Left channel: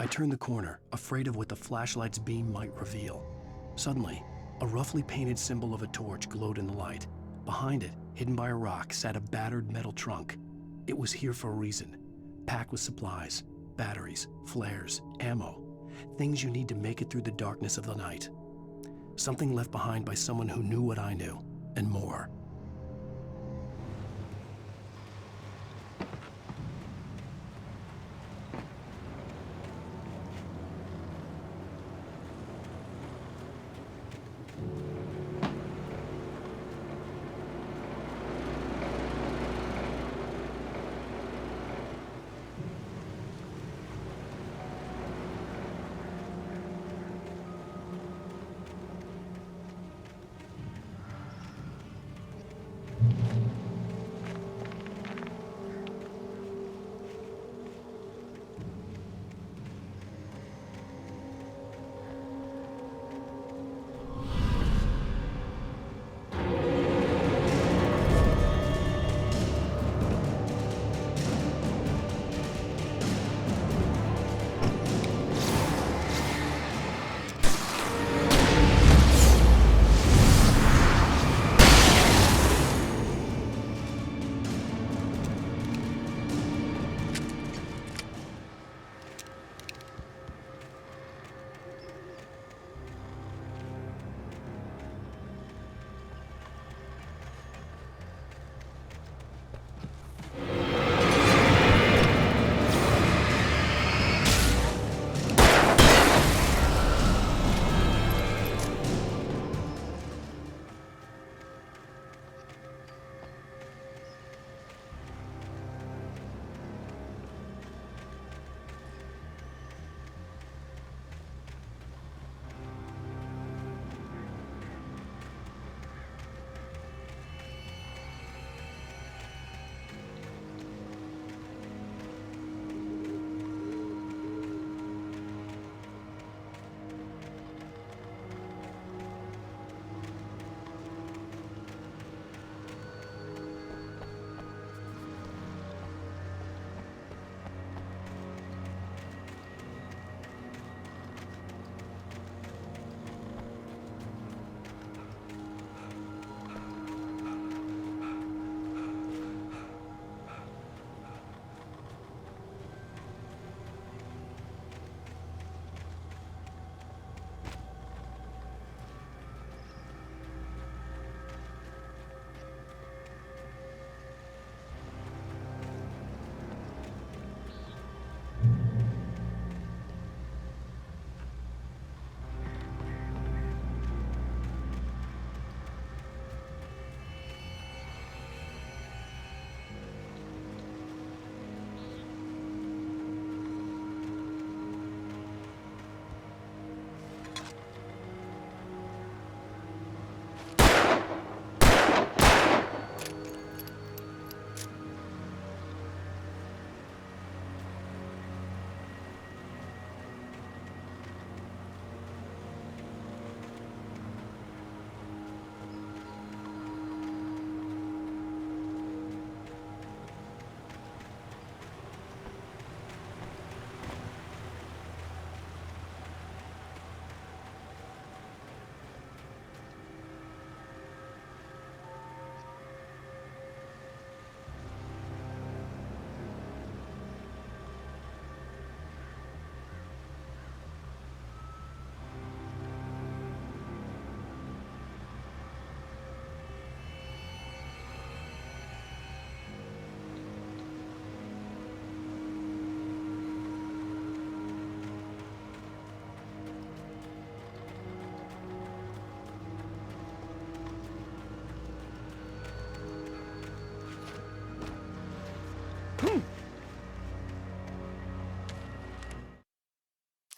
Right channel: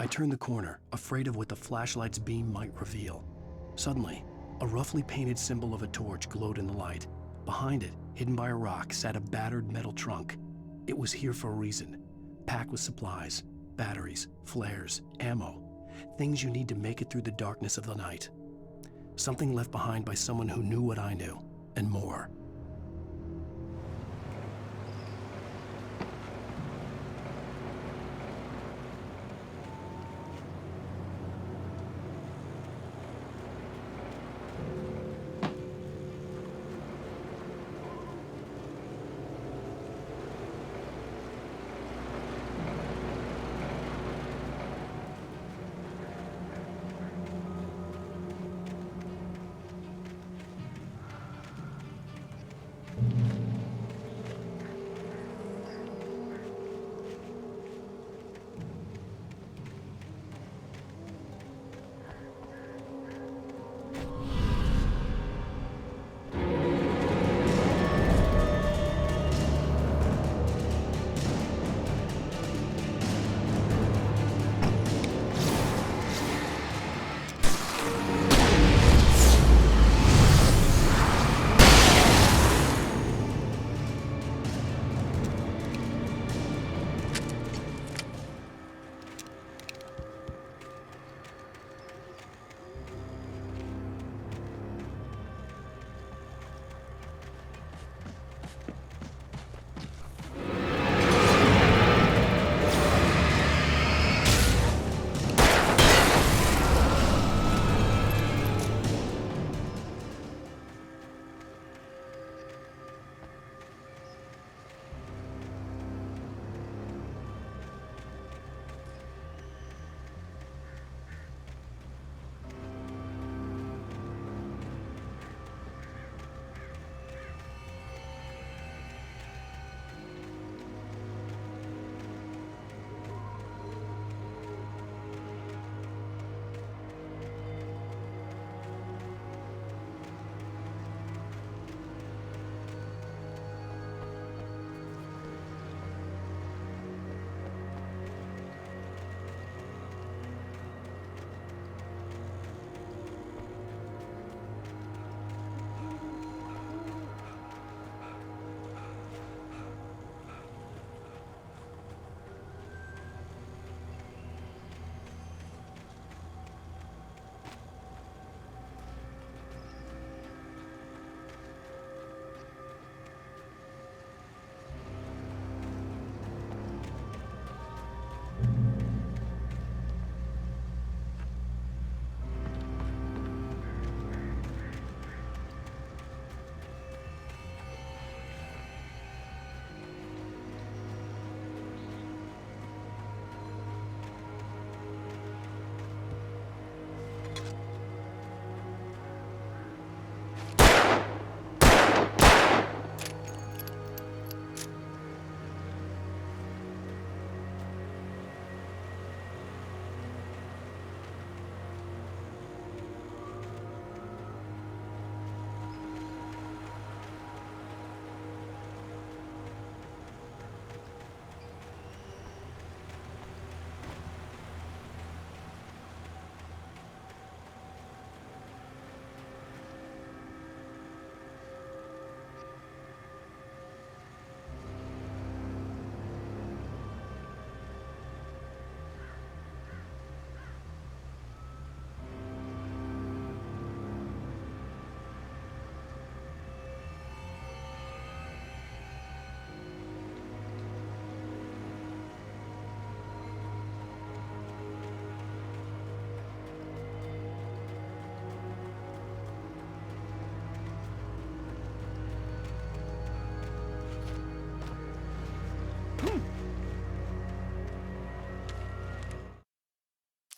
I turned the corner, afraid of what the flashlight's beam might reveal. Suddenly, a roughly painted symbol of a torch glowed in the light. Behind it, hidden by a rock, sat a battered metal trunk. It was here for a reason, packed with supplies, batteries, flares, ammo, things you need to make it through the darkness of the night. Something left behind by someone who knew what I knew, and more.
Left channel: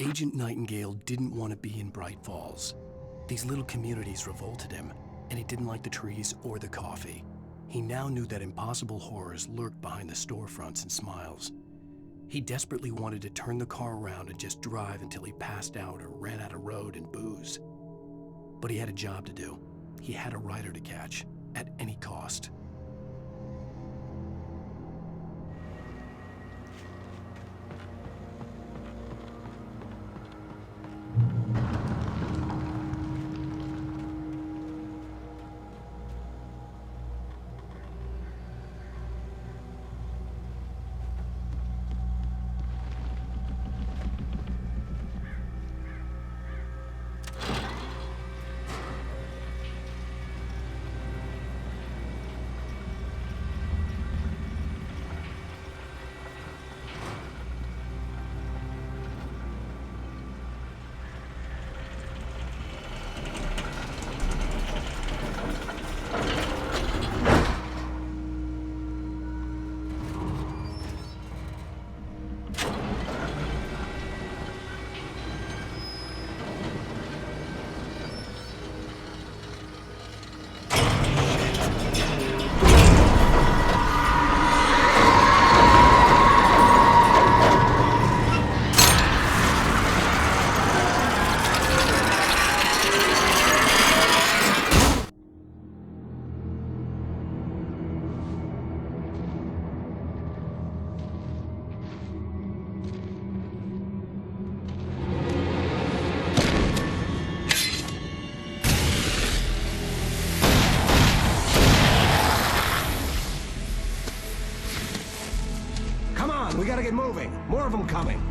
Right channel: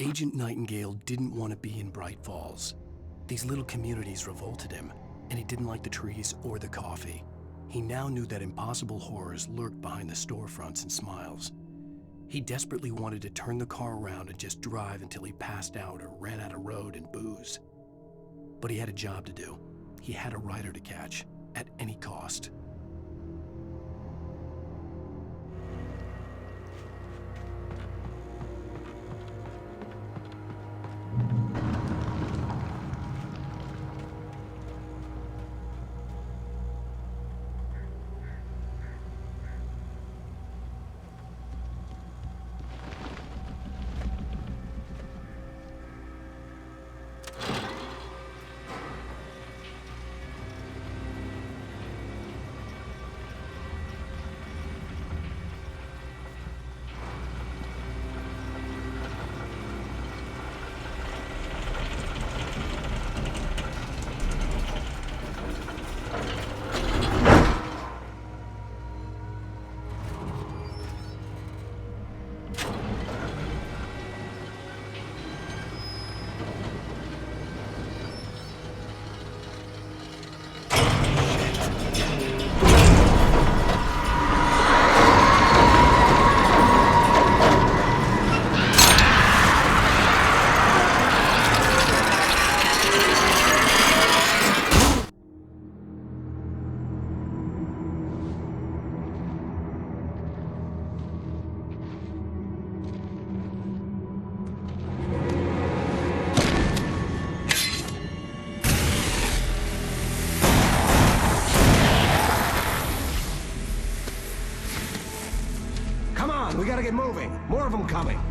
Agent Nightingale didn't want to be in Bright Falls. These little communities revolted him, and he didn't like the trees or the coffee. He now knew that impossible horrors lurked behind the storefronts and smiles. He desperately wanted to turn the car around and just drive until he passed out or ran out of road and booze. But he had a job to do. He had a rider to catch, at any cost. we gotta get moving. More of them coming.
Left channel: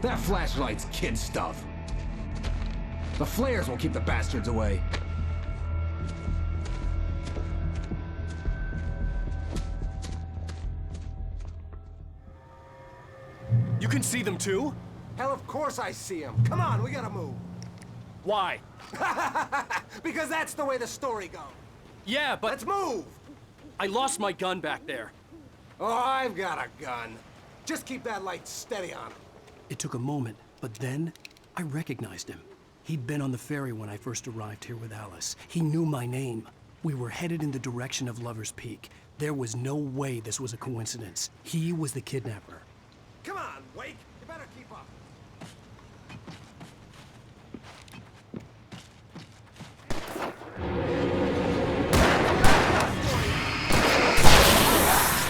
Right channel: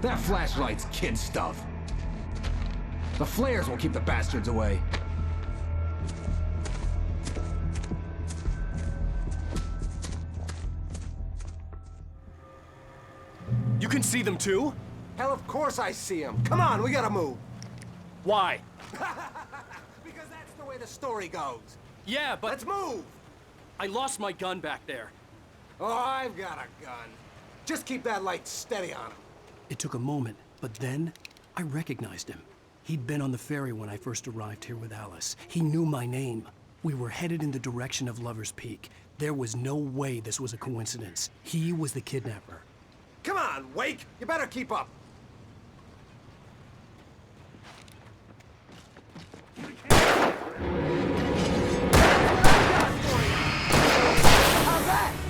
That flashlight's kid stuff. The flares will keep the bastards away. You can see them too? Hell, of course I see them. Come on, we gotta move. Why? Because that's the way the story goes. Yeah, but Let's move! I lost my gun back there. Oh, I've got a gun. Just keep that light steady on him. It took a moment, but then I recognized him. He'd been on the ferry when I first arrived here with Alice. He knew my name. We were headed in the direction of Lover's Peak. There was no way this was a coincidence. He was the kidnapper. Come on, Wake! You better keep up.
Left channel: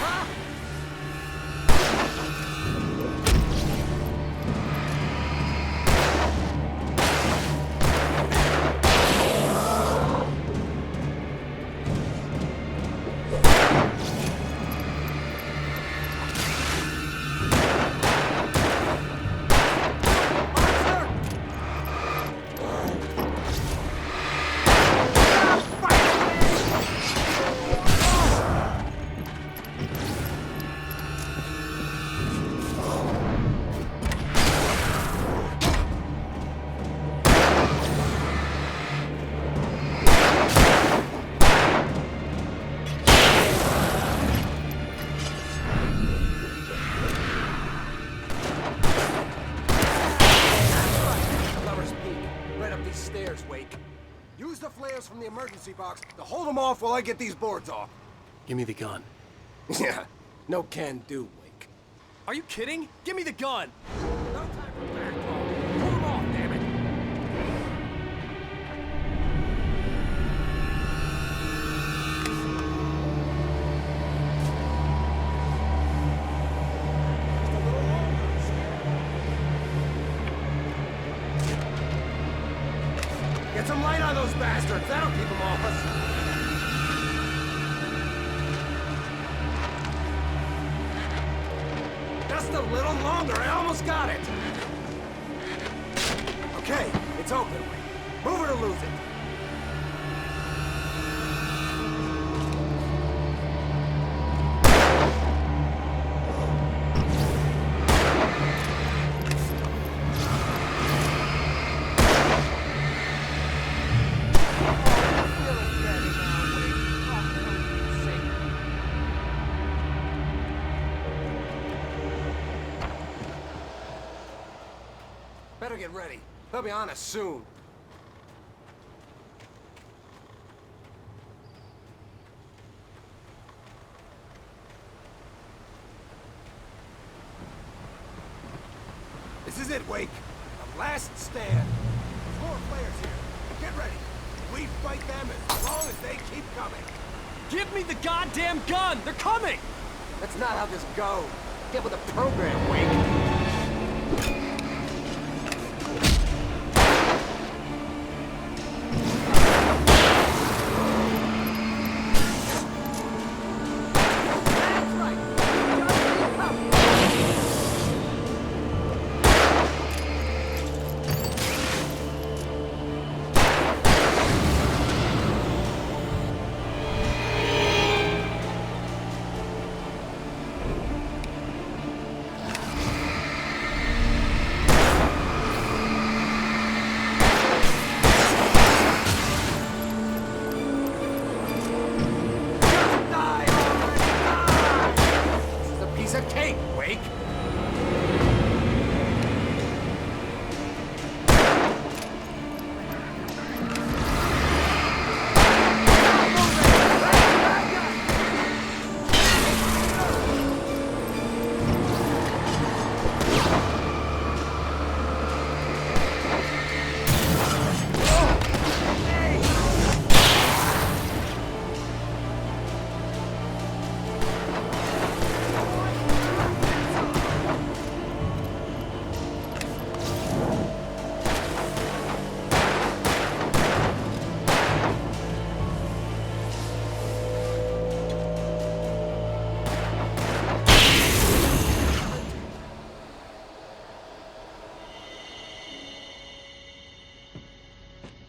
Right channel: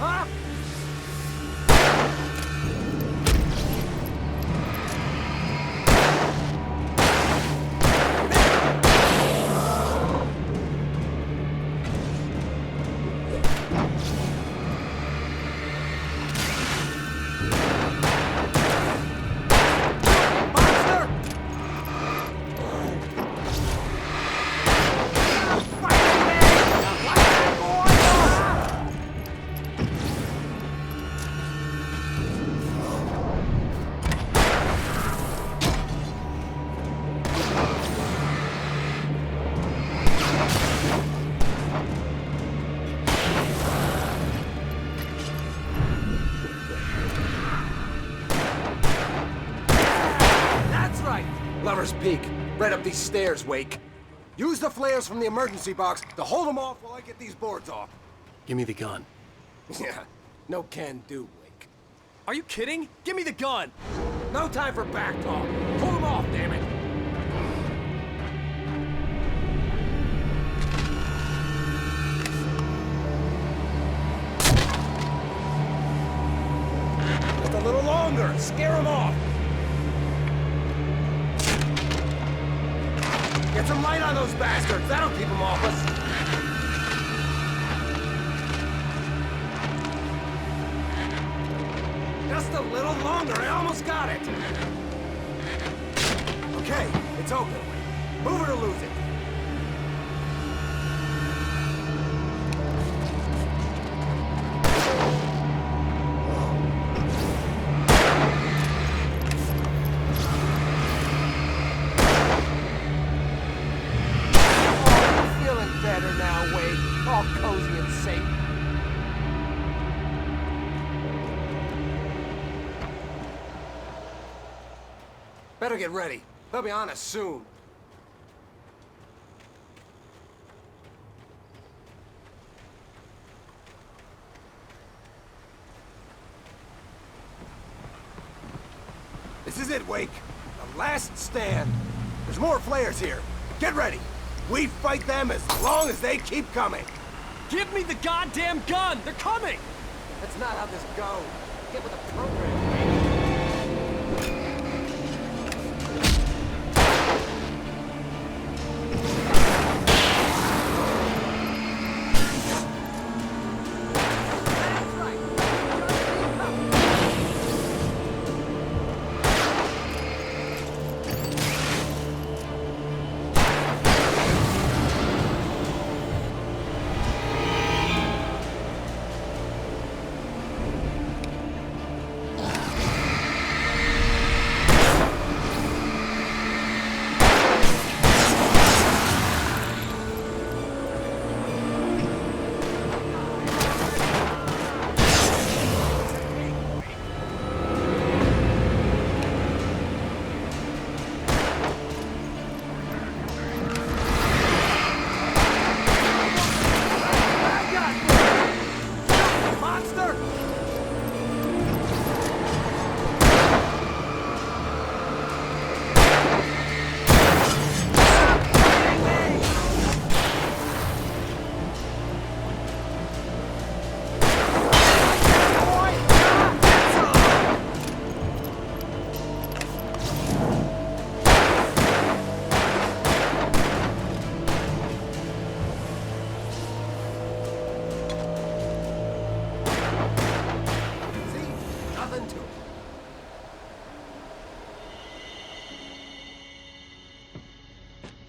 Huh? Peak. Right up these stairs, Wake. Use the flares from the emergency box to hold them off while I get these boards off. Give me the gun. Yeah, no can do, Wake. Are you kidding? Give me the gun! No time for back talk. Pull them off, damn it. Just a little longer. Scare them off. Get some light on those bastards. That'll keep them off us. Just a little longer. I almost got it. Okay, it's open. Wait. Move it or lose it. Better get ready. They'll be on us soon. This is it, Wake. The last stand. There's more flares here. Get ready. We fight them as long as they keep coming. Give me the goddamn gun! They're coming! That's not how this goes. Get with the program, Wake.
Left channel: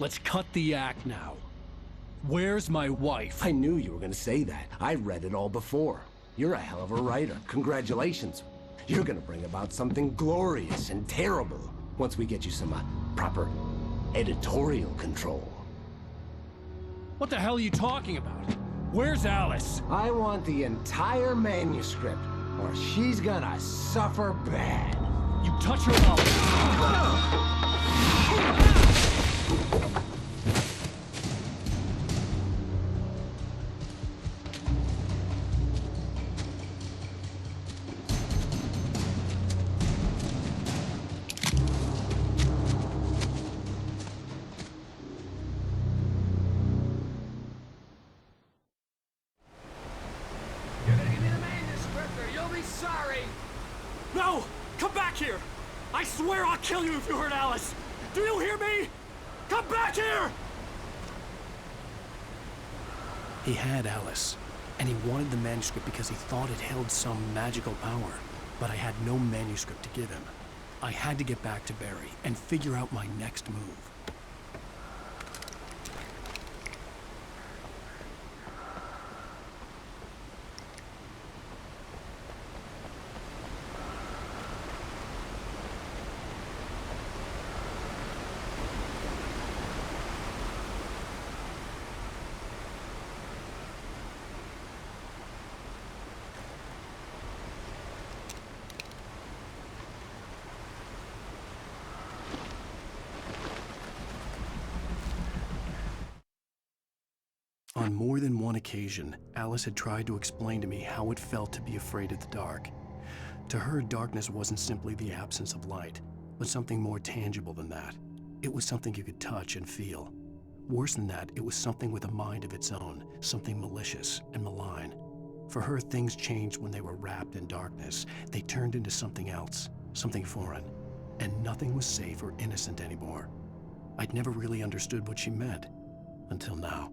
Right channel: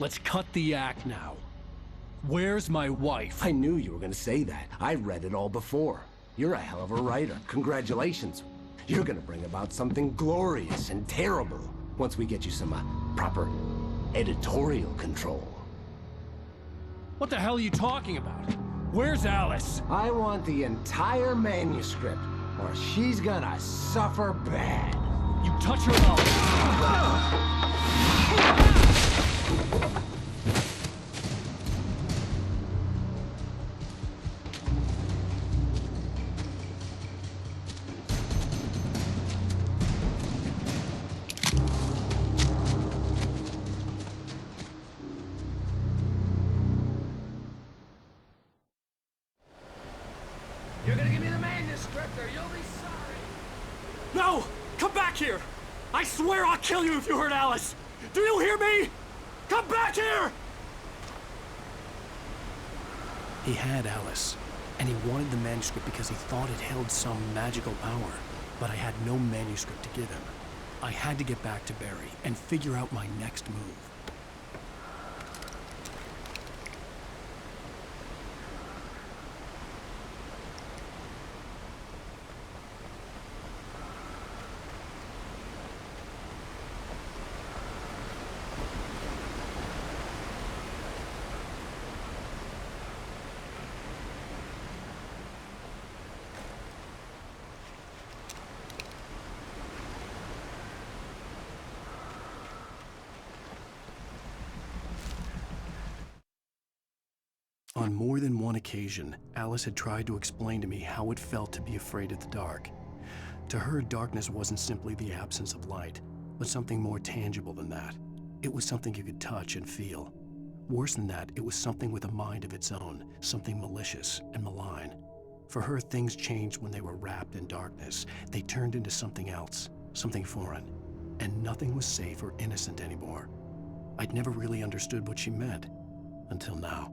Let's cut the act now. Where's my wife? I knew you were gonna say that. I read it all before. You're a hell of a writer. Congratulations. You're gonna bring about something glorious and terrible once we get you some proper editorial control. What the hell are you talking about? Where's Alice? I want the entire manuscript, or she's gonna suffer bad. You touch her mouth. You're gonna give me the manuscript, or you'll be sorry. No! Come back here! I swear I'll kill you if you hurt Alice! Do you hear me? Come back here! He had Alice, and he wanted the manuscript because he thought it held some magical power. But I had no manuscript to give him. I had to get back to Barry and figure out my next move. On more than one occasion, Alice had tried to explain to me how it felt to be afraid of the dark. To her, darkness wasn't simply the absence of light, but something more tangible than that. It was something you could touch and feel. Worse than that, it was something with a mind of its own, something malicious and malign. For her, things changed when they were wrapped in darkness. They turned into something else, something foreign, and nothing was safe or innocent anymore. I'd never really understood what she meant, until now.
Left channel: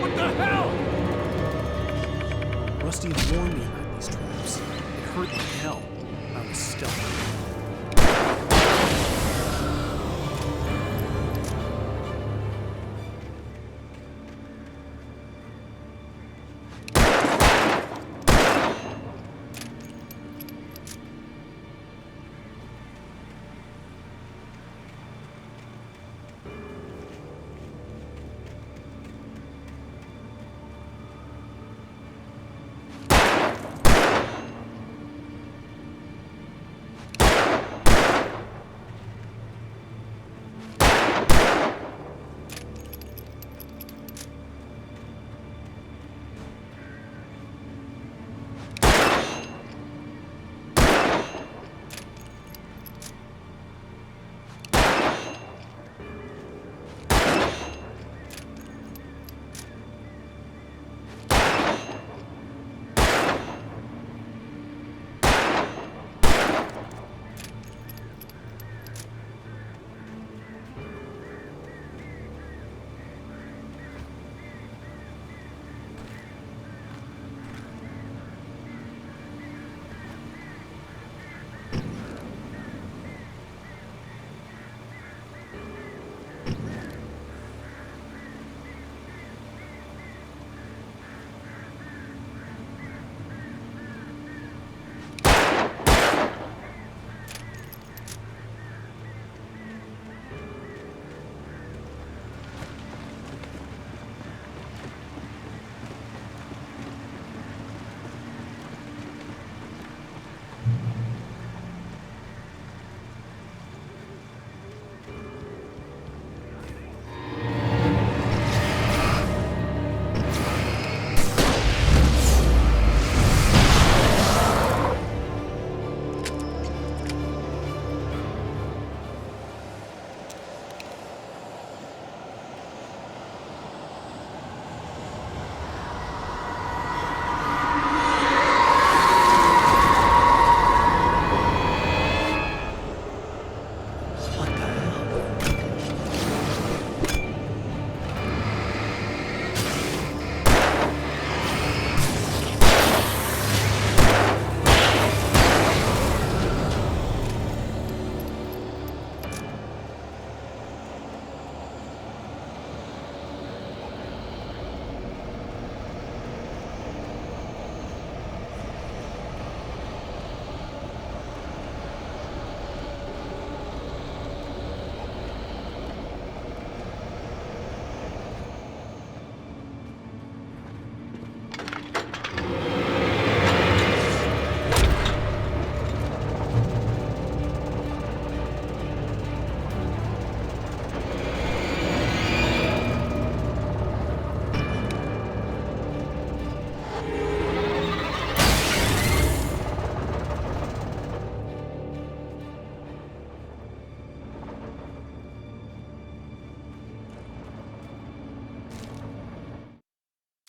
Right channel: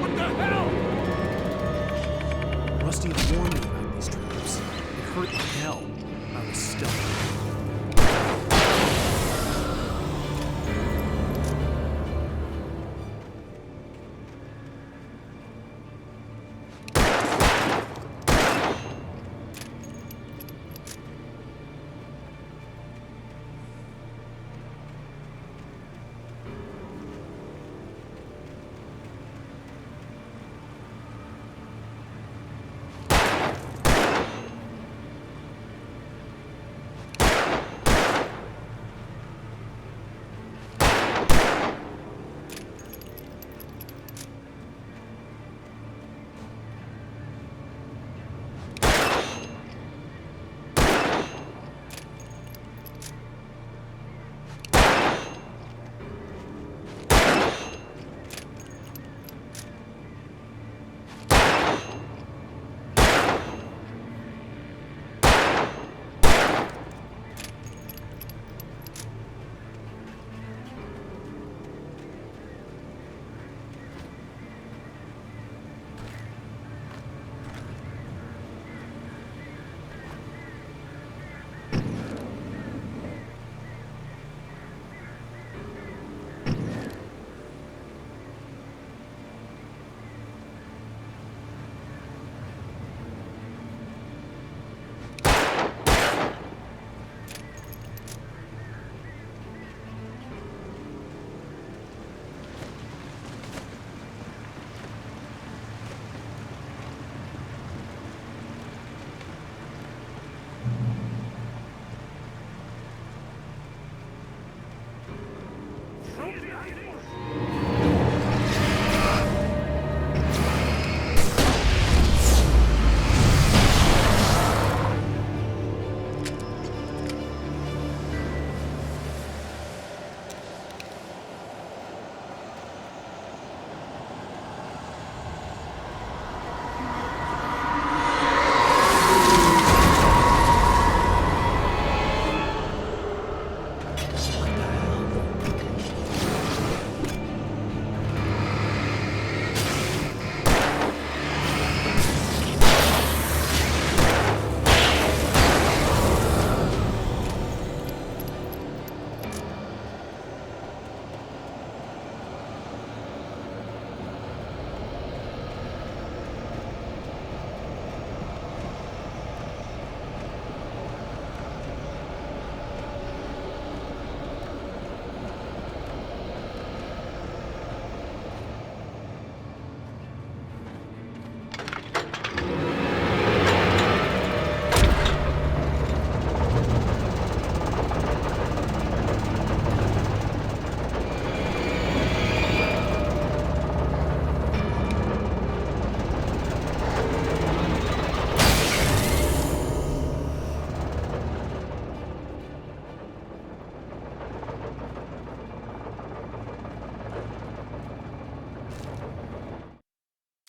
What the hell? Rusty had warned me about these traps. It hurt like hell. I was stuck.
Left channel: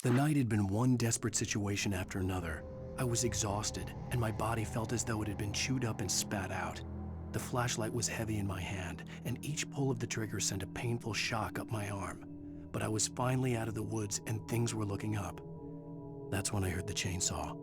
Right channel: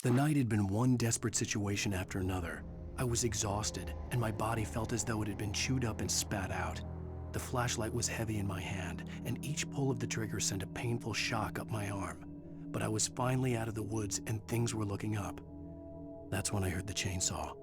The night had been one desperate situation after another. I was exhausted, and my body felt as though it had been chewed up and spat out. The flashlight was heavy in my hand, and each pull of the trigger sent a painful shock up my arm. But I was finally out of the woods and things were looking up. That's when I heard the chainsaw.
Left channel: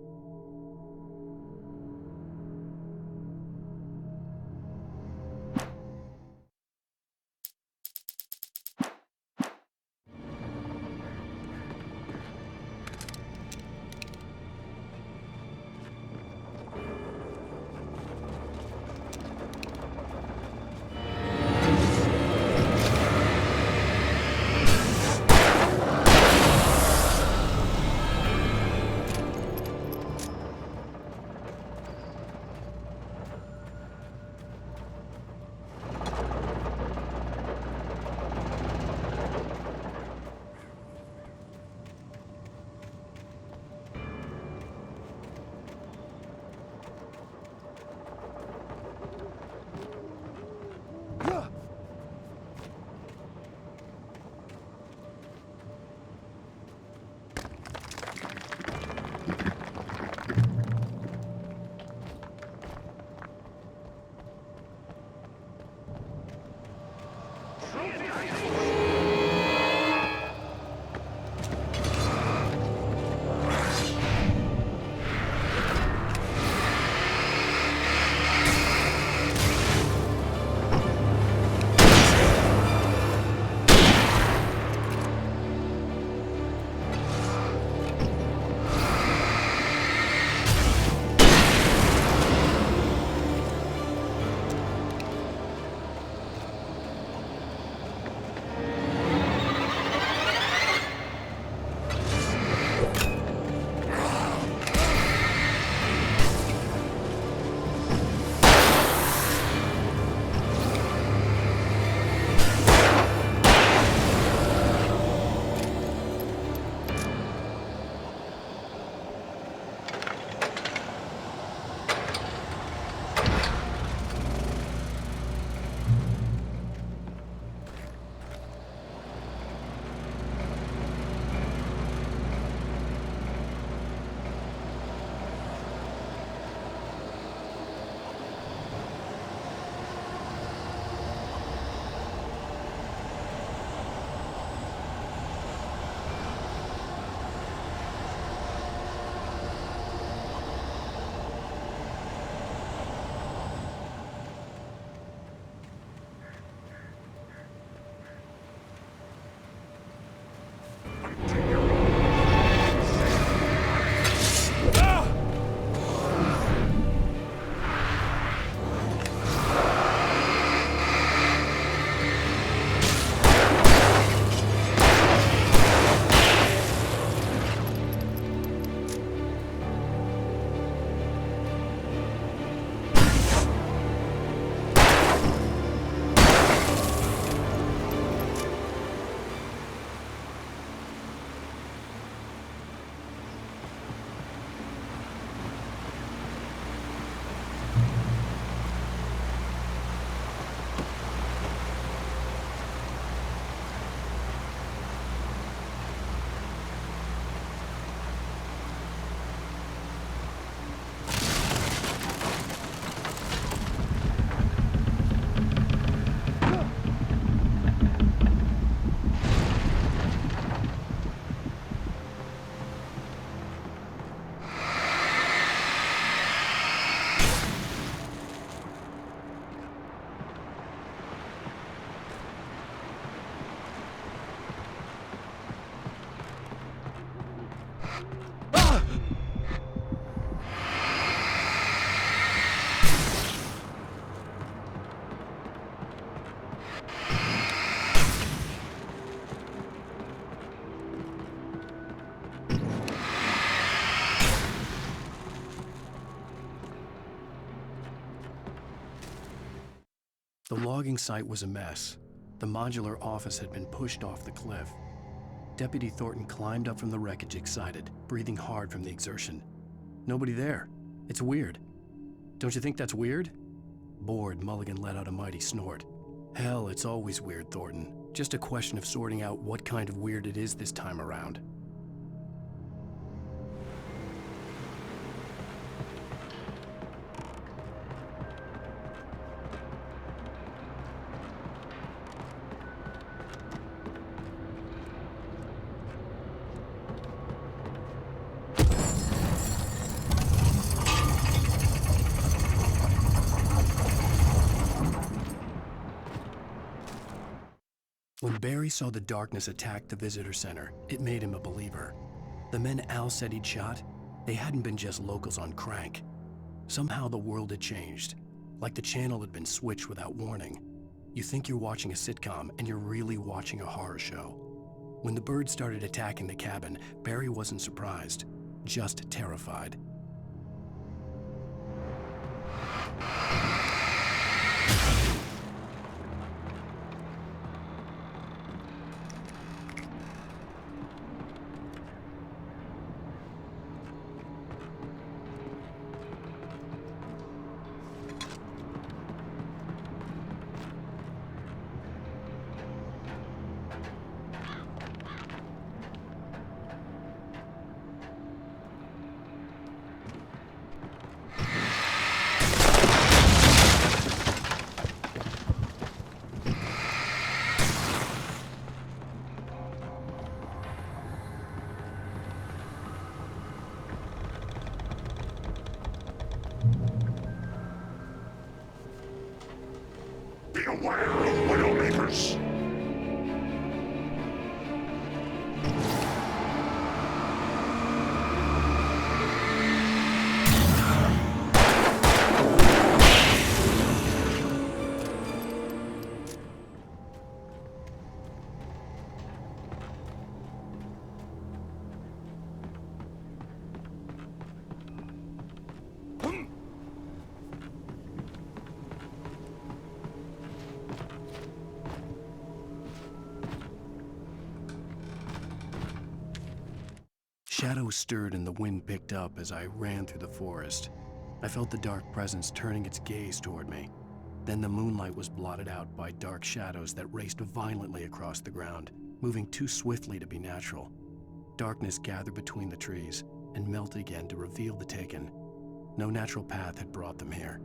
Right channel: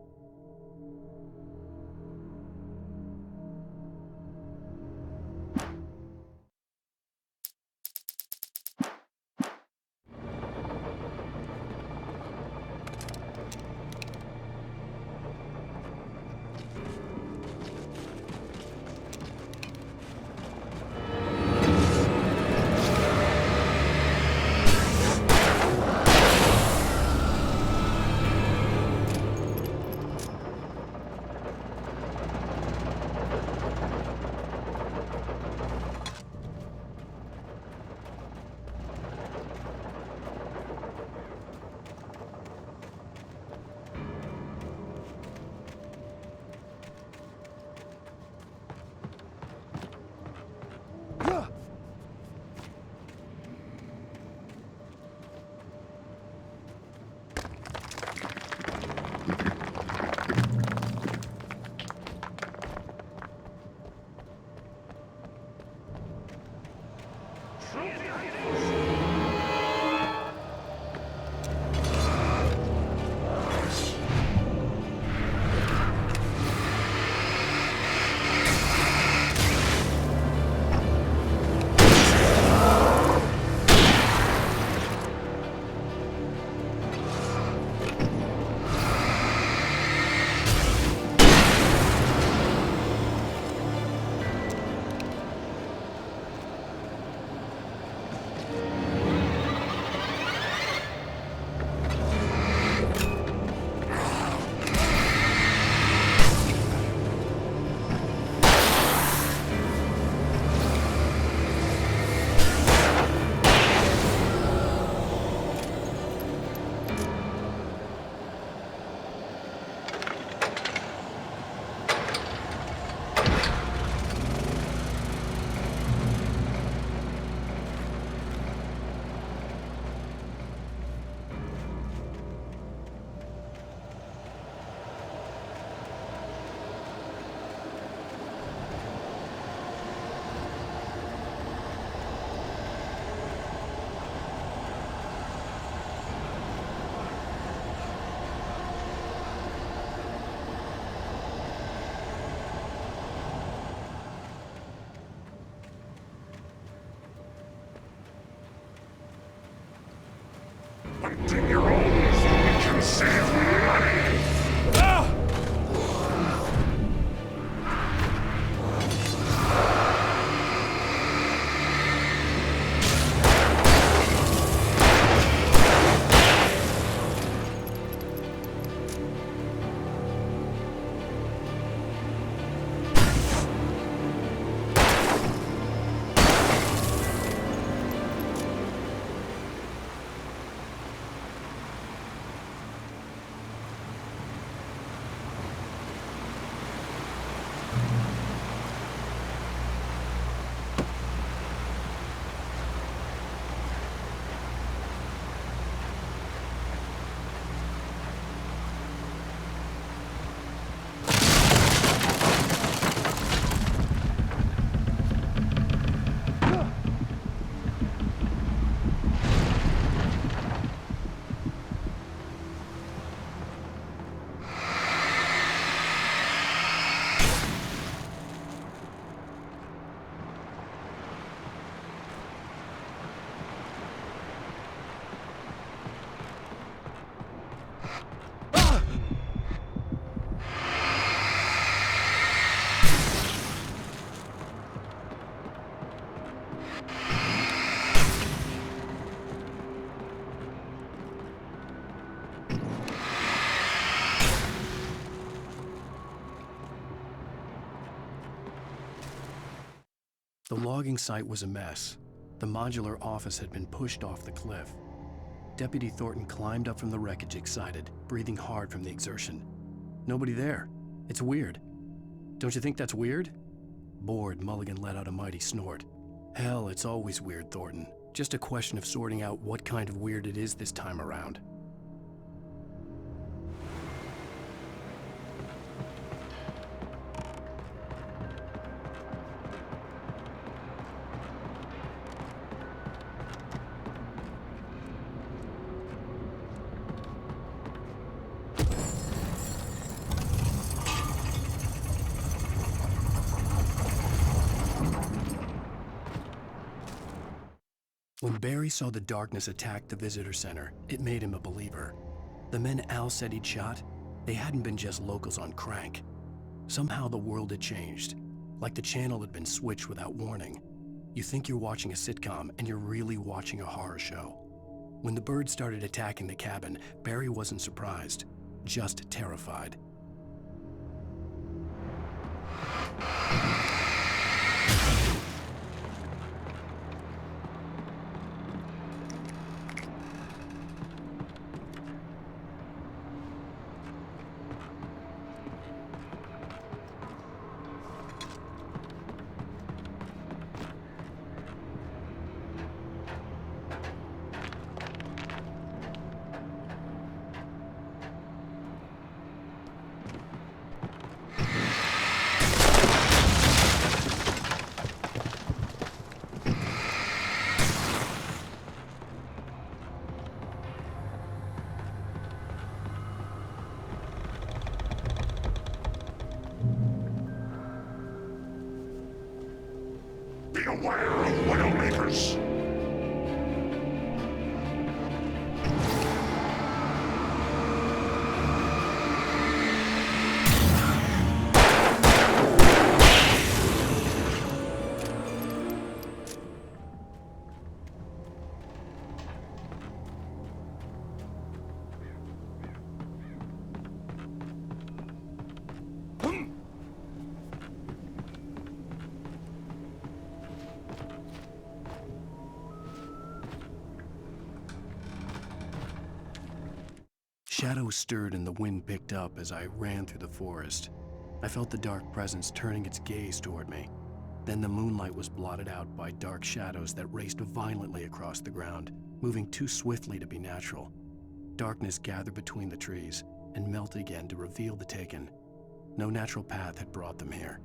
The logging site was a mess. The modular office had been pushed off the cliff. Deputy Thornton climbed up from the wreckage excited, breathing hard from the exertion. Nobody there. It's weird. Don't you think that's weird? Bored, Mulligan let out a mighty snort. Hell, it's always weird, Thornton. Just a question of sorting out what kind of weird it is this time around. When Barry saw the darkness attack the visitor center, it made him a believer. The men Al said he'd shot, they hadn't been just locals on crank. Somehow the world had changed, like the channel had been switched without warning. You think you're watching a sitcom, and you're really watching a horror show. When the birds started attacking the cabin, Barry wasn't surprised, just terrified. Be aware of Widowmakers! Shadows stirred and the wind picked up as I ran through the forest. I felt the dark presence turning its gaze toward me. Then the moonlight was blotted out by dark shadows that raced violently across the ground, moving too swiftly to be natural. Darkness gathered between the trees and melted again to reveal the taken. No natural path had brought them here.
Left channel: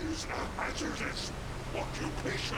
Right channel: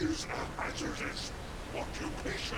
Is a hazardous occupation.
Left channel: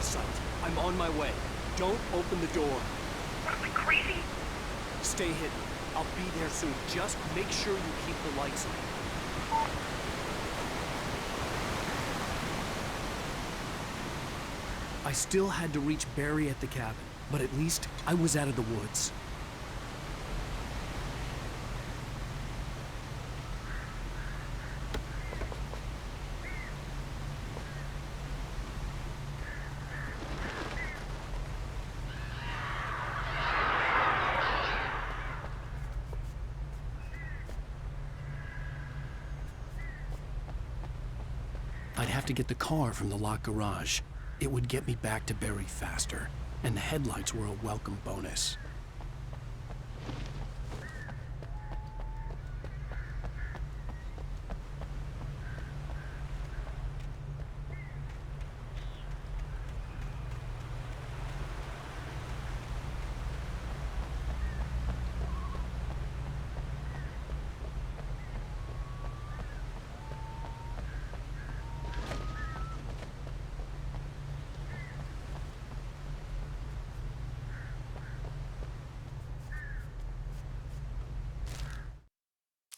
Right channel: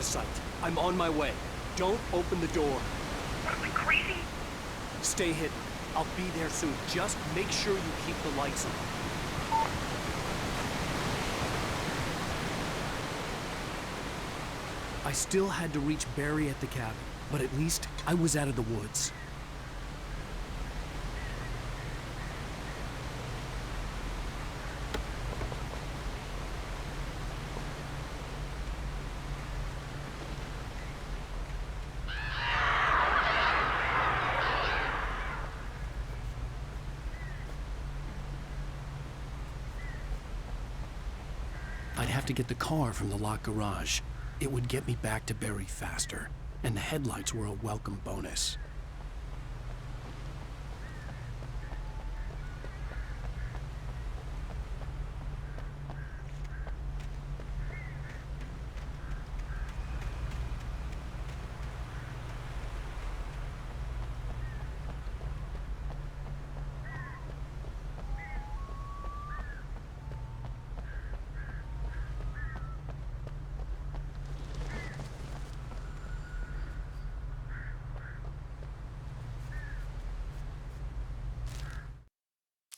of sight. I'm on my way. Don't open the door. What are we, crazy? Stay hidden. I'll be there soon. Just make sure you keep the lights on. I still had to reach Barry at the cabin, but at least I was out of the woods. I'd have to get the car from the locked garage. It would get me back to Barry faster, and the headlights were a welcome bonus.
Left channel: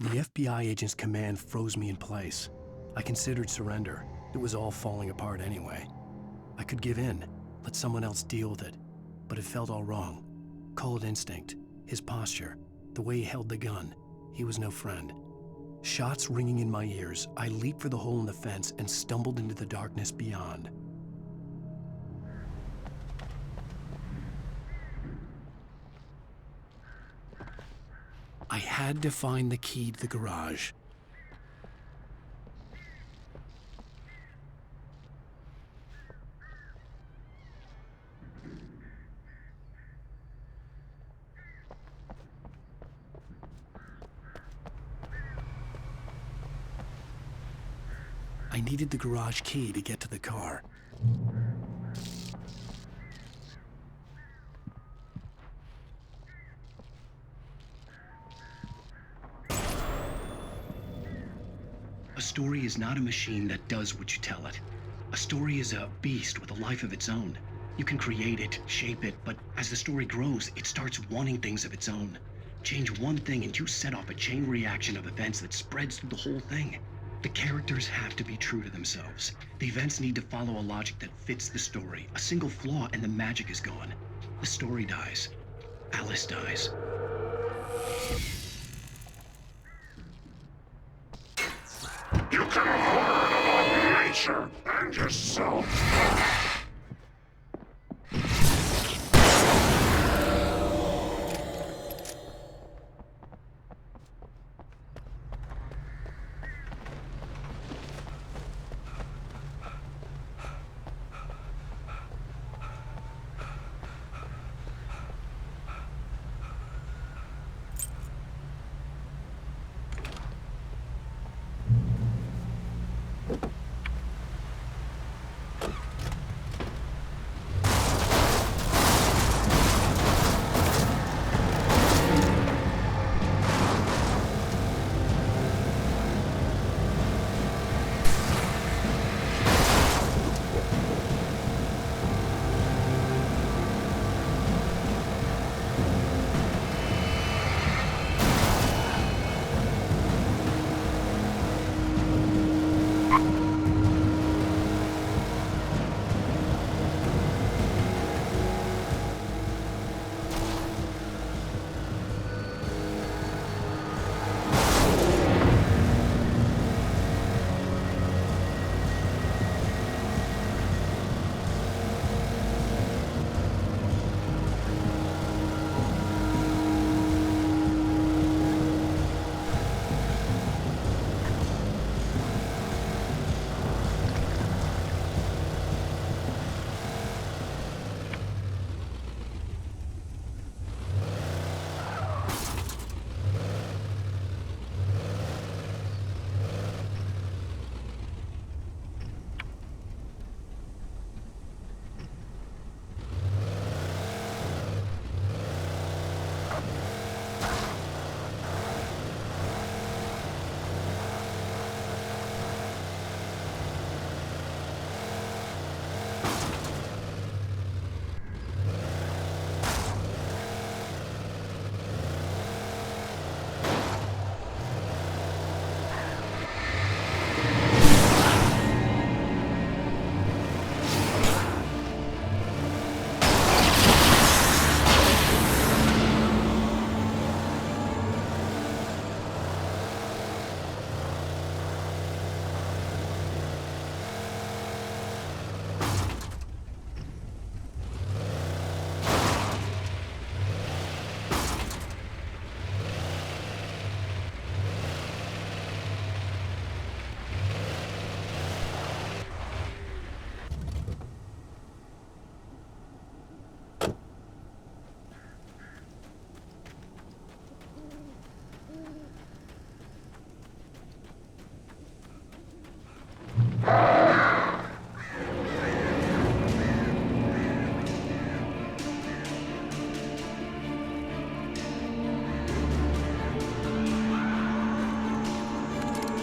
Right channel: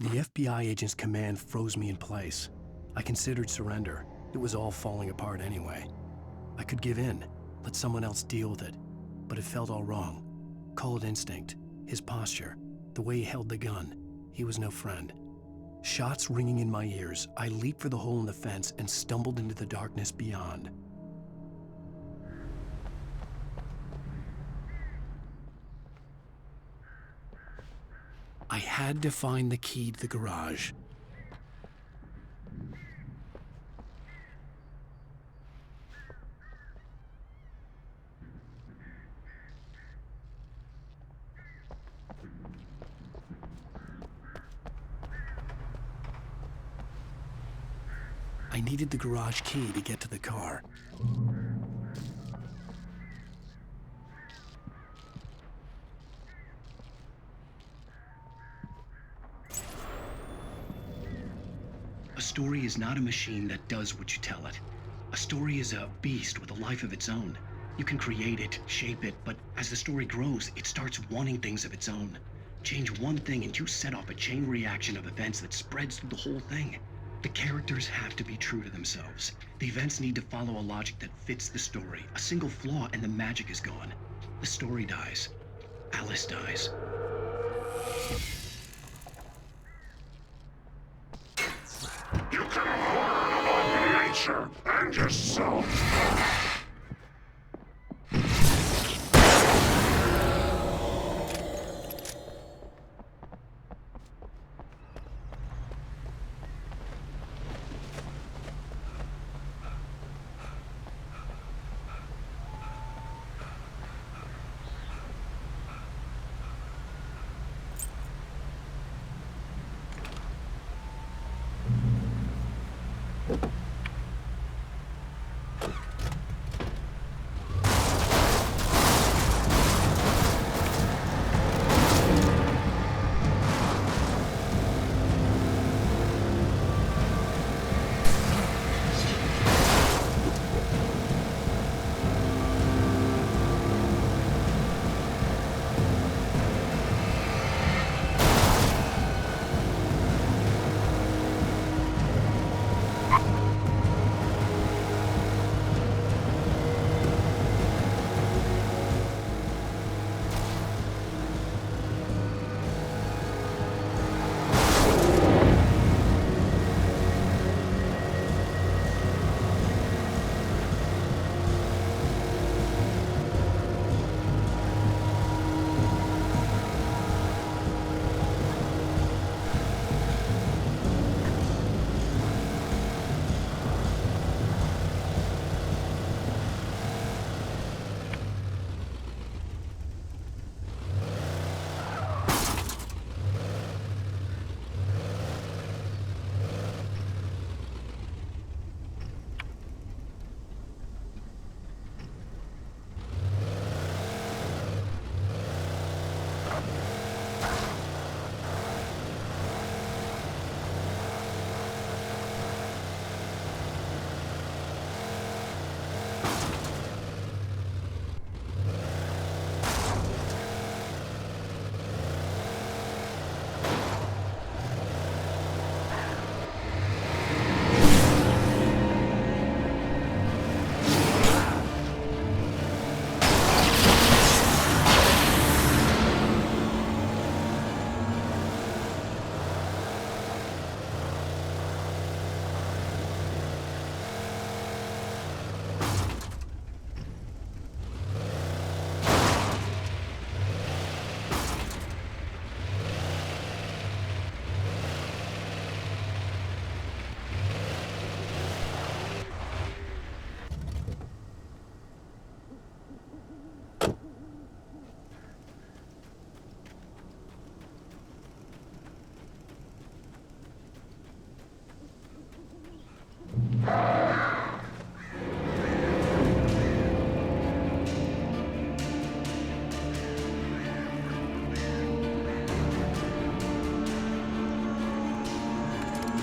The FBI agent's command froze me in place. I considered surrender. It was all falling apart anyway. I could give in, let someone else deal with it, but it felt all wrong. Call it instinct, his posture, the way he held the gun. He was no friend. Shots ringing in my ears, I leaped for the hole in the fence and stumbled into the darkness beyond. I had to find the key to the garage. I needed the garage key to get to the car. A story is not a machine that does what you tell it. A story is a beast with a life of its own. You can create it, shape it, but as the story grows, it starts wanting things of its own. Change one thing and you set off a chain reaction of events that spreads through the whole thing. The characters have to be true to themselves. The events need to follow a logic that fits the story. A single flaw and the magic is gone. The story dies. Alice dies. You can learn about nature and yourself.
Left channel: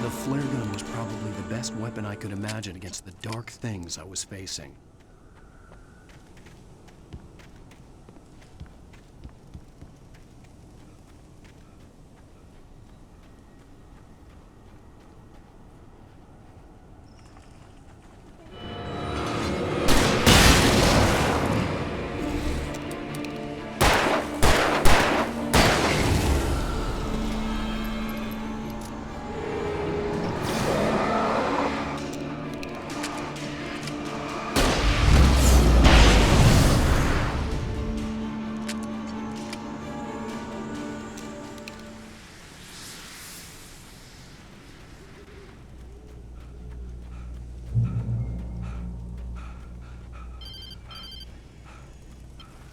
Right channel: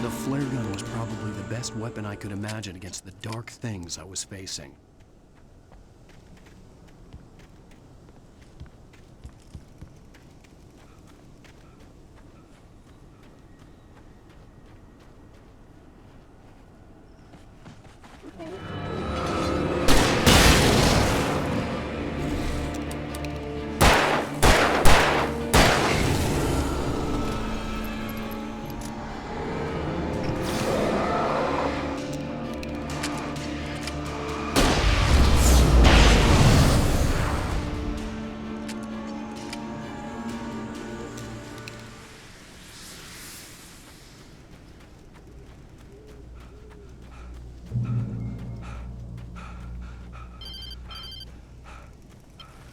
The flare gun was probably the best weapon I could imagine against the dark things I was facing.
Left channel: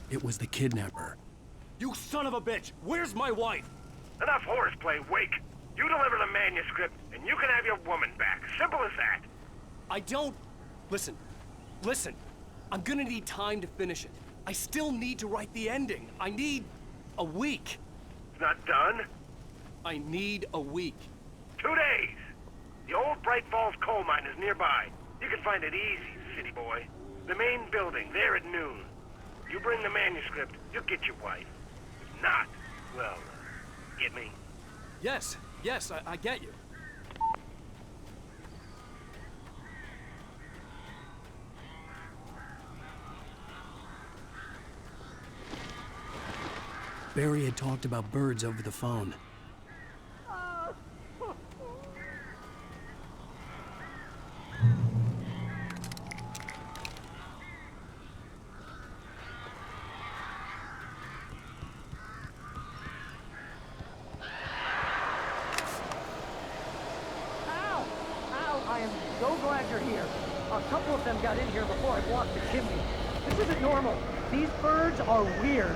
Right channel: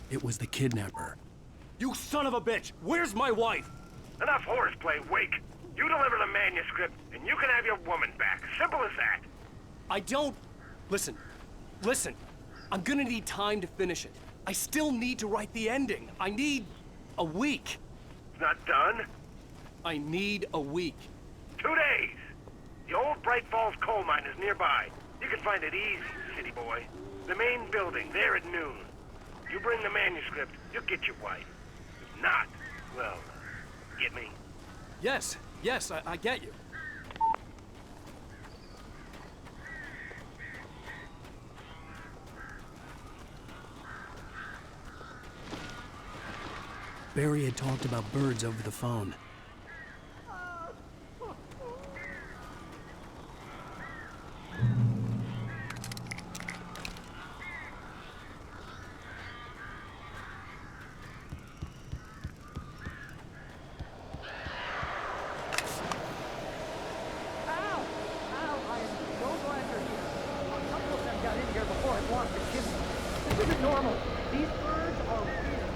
It was the kidnapper. You son of a bitch! Where's my wife? Enough horseplay, Wake. You deliver the manuscript, and you can have your woman back. Simple as that. I don't... Listen. I'm gonna need time to finish it. I still need to write the ending. I need a week. It's not done. I need a week. 2 days. The old Bright Falls coal mine is nearby. You can find it easy, city boy. The main building, there at noon. You bring the manuscript, you'll get your wife. If not, well, get me? Yes, I get you. Barry had talked about birds over the phone. I am so glad you're here. A couple of them got in here before I blocked the chimney. This isn't normal. These birds are weird.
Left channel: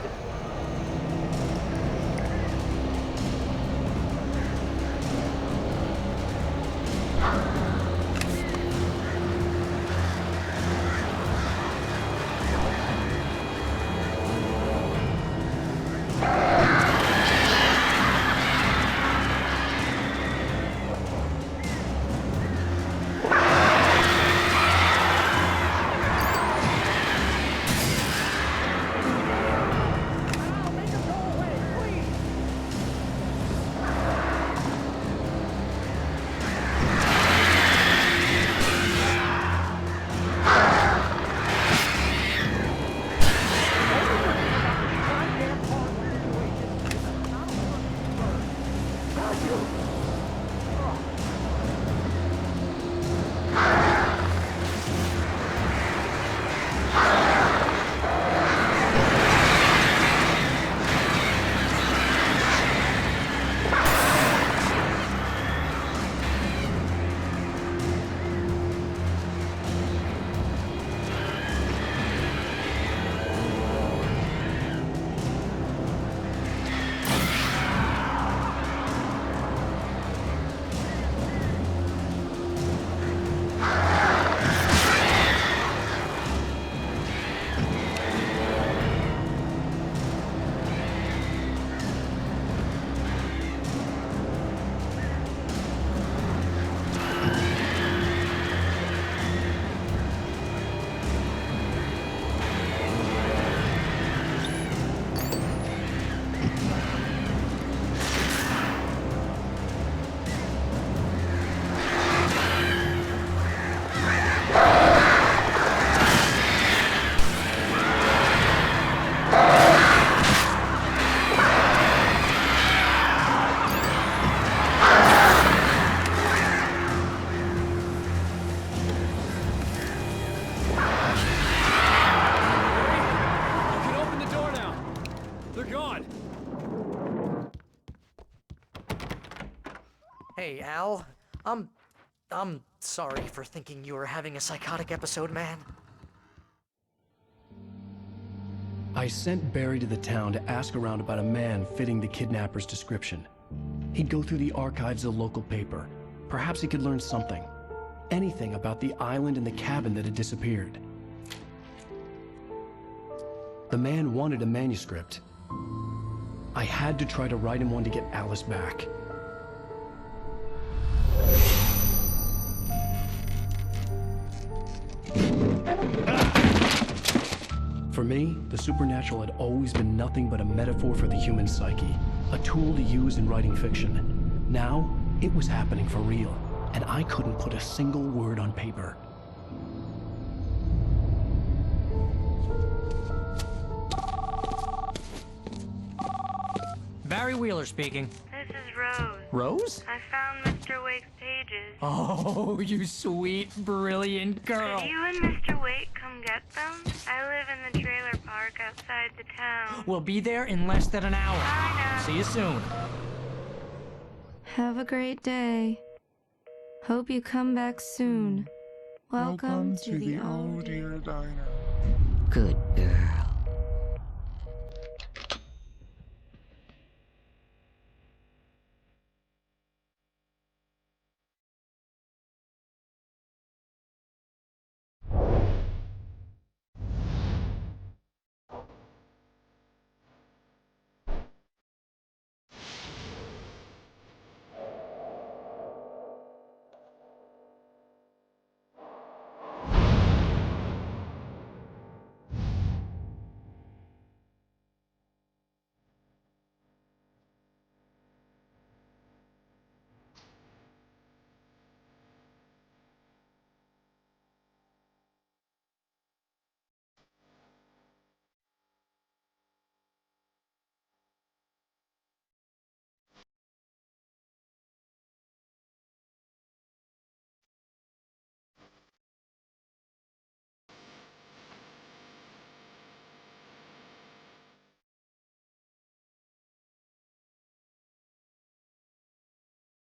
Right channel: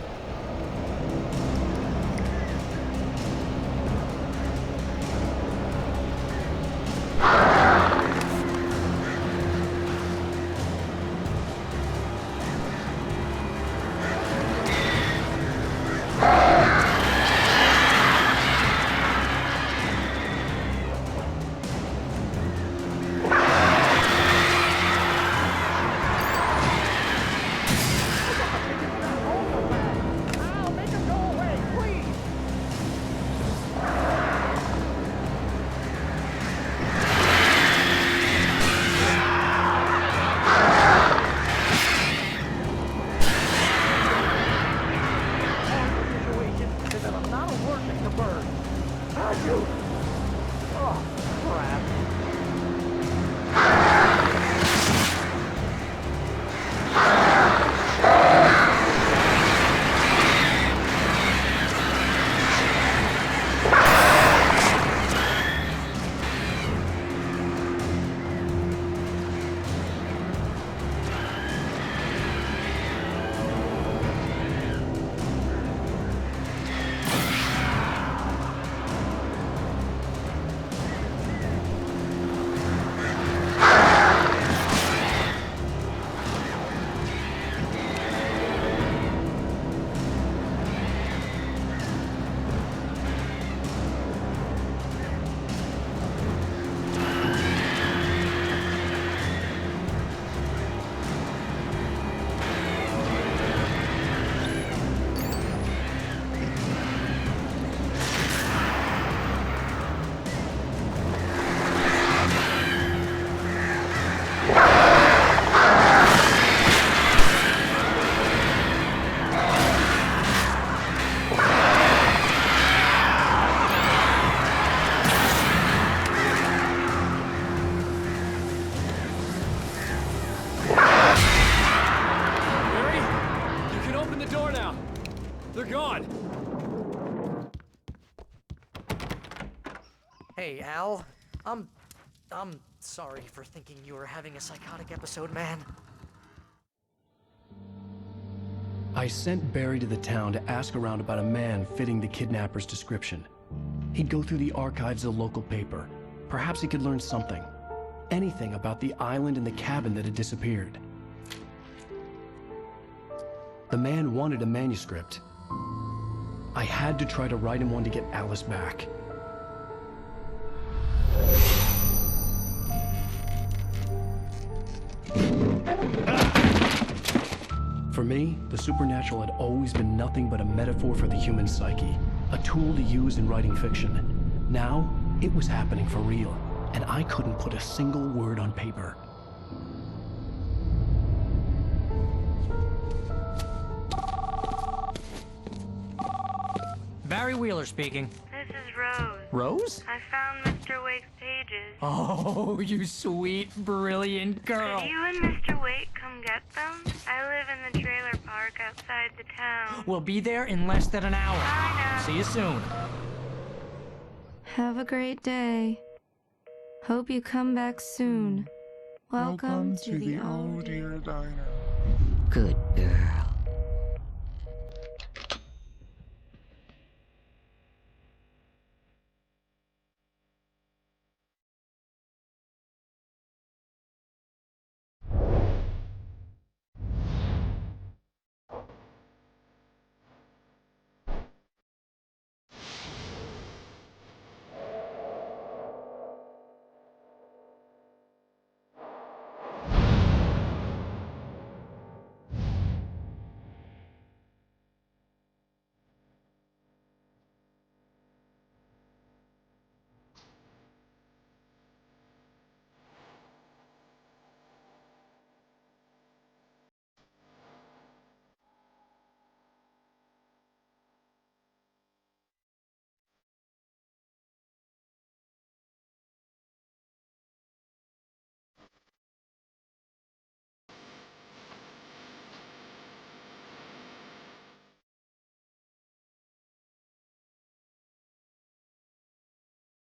Hey, Al. I'm sorry for thinking you were having a psychotic episode, man. I sent Barry to the town to ask around about a man fitting the kidnapper's description. He'd go through the archives of the local paper. Perhaps he could learn something. Anything about the island and the cabin that had disappeared. The man wanted a manuscript. I had to try to write him one to get Alice back. For me, the supernatural had always been nothing but a metaphor for the human psyche, a tool to use in writing fiction. Now, it was happening for real, and I couldn't put a single word on paper. Barry Wheeler speaking. This is Rose. Rose? I found Mr. Wake's pages. Oh, you sweet, brilliant girl. Could you and Mr. Wake come get them? I live in the trailer park outside the town. We'll be there in less than an hour. Bye now. See you soon. Have a great day. Hope you come back soon. Welcome to the old dear diner. Good girl.